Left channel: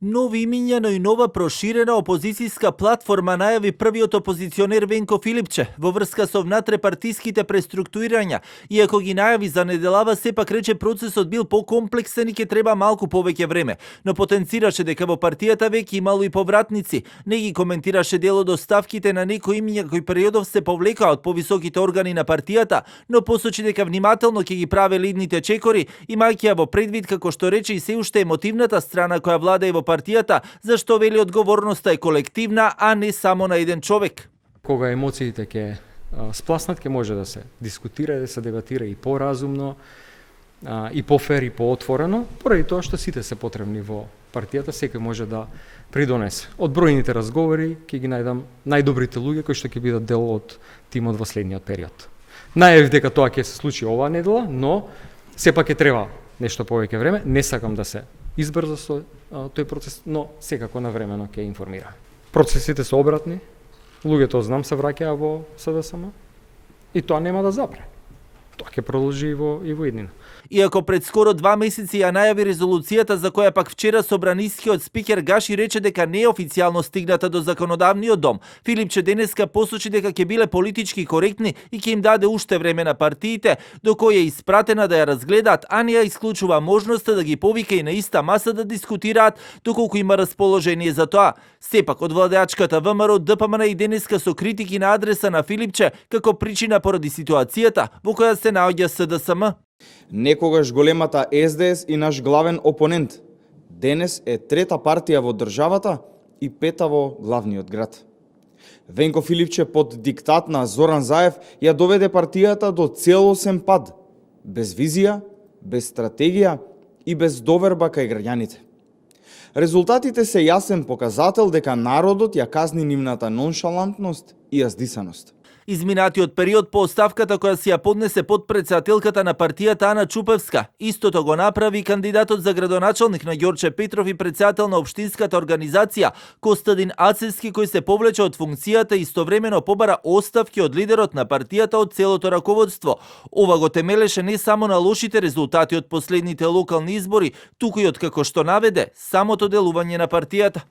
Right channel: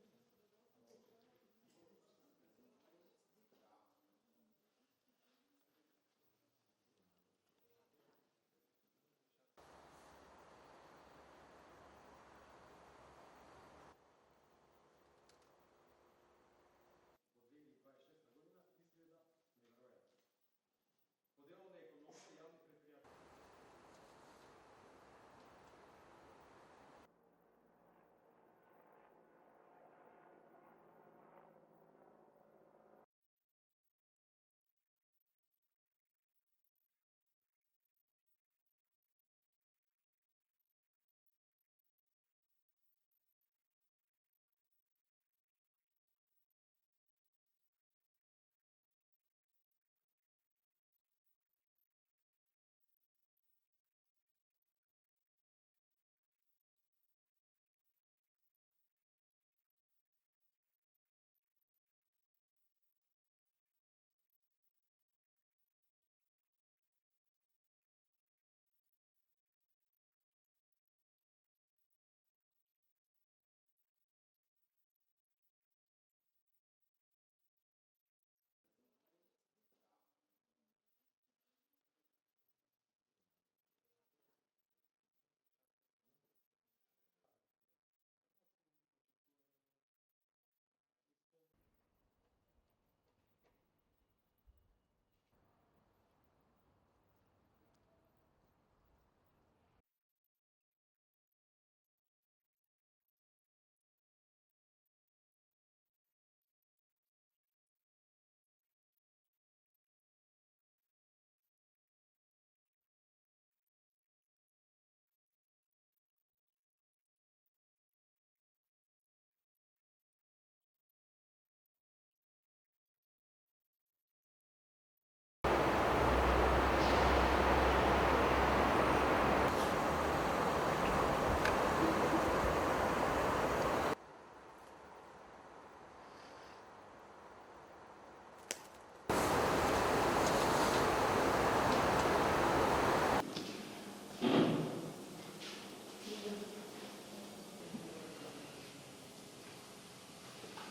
Нови имиња, но и нова проширена опозицијска платформа најави првиот опозиционер Венко Филипче во врска со внатрепартиските преструктурирања. Иако ги најави за неделава, сепак рече процесот бил покомплексен и ќе треба малку повеќе време. Но потенцираше дека во партијата веќе имало и повратници. Не ги коментираше дел од оставките на некои имиња кои периодов се повлекаа од повисоките органи на партијата, но посочи дека внимателно ќе ги праве лидните чекори, имајќи ја во предвид, како што рече, и се уште емотивната страна која влада и во партијата, зашто вели одговорноста е колективна, а не само на еден човек. Кога емоциите ќе спласнат, ќе може да се дискутира, да се дебатира и поразумно, и пофер, и поотворено, поради тоа што сите се потребни во партијата, секој може да придонесе. Од бројните разговори ќе ги најдам најдобрите луѓе кои што ќе бидат дел од тимот во следниот период. Најавив дека тоа ќе се случи оваа недела, но сепак ќе треба нешто повеќе време. Не сакам да се избрза со тој процес, но секако навремено ќе информира. Процесите се обратни, луѓето знам се враќаа во СДСМ и тоа нема да запре. Тоа ќе продолжи и во иднина. Иако пред скоро 2 месеци ја најави резолуцијата за која пак вчера собранискиот спикер Гаши рече дека не е официјално стигната до законодавниот дом, Филипче денеска посочи дека ќе биле политички коректни и ќе им даде уште време на партиите, до која е испратена да ја разгледаат, а не ја исклучува можноста да ги повика и на иста маса да дискутираат доколку има расположение за тоа. Сепак од владеачката ВМРО ДПМН и денеска со критики на адреса на Филипче како причина поради ситуацијата во која се наоѓа СДСМ. Некогаш големата СДС и наш главен опонент, денес е трета партија во државата и пета во главниот град. Венко Филипче под диктат на Зоран Заев ја доведе партијата до целосен пад, без визија, без стратегија и без доверба кај граѓаните. Резултатите се јасен показател дека народот ја казни нивната ноншалантност и јаздисаност. Изминатиот период по оставката која си ја поднесе подпредседателката на партијата Ана Чупевска, истото го направи кандидатот за градоначалник на Ѓорче Петров и председател на општинската организација Костадин Ацевски, кој се повлече од функцијата и истовремено побара оставки од лидерот на партијата од целото раководство. Ова го темелеше не само на лошите резултати од последните локални избори, туку и од, како што наведе, самото делување на партијата.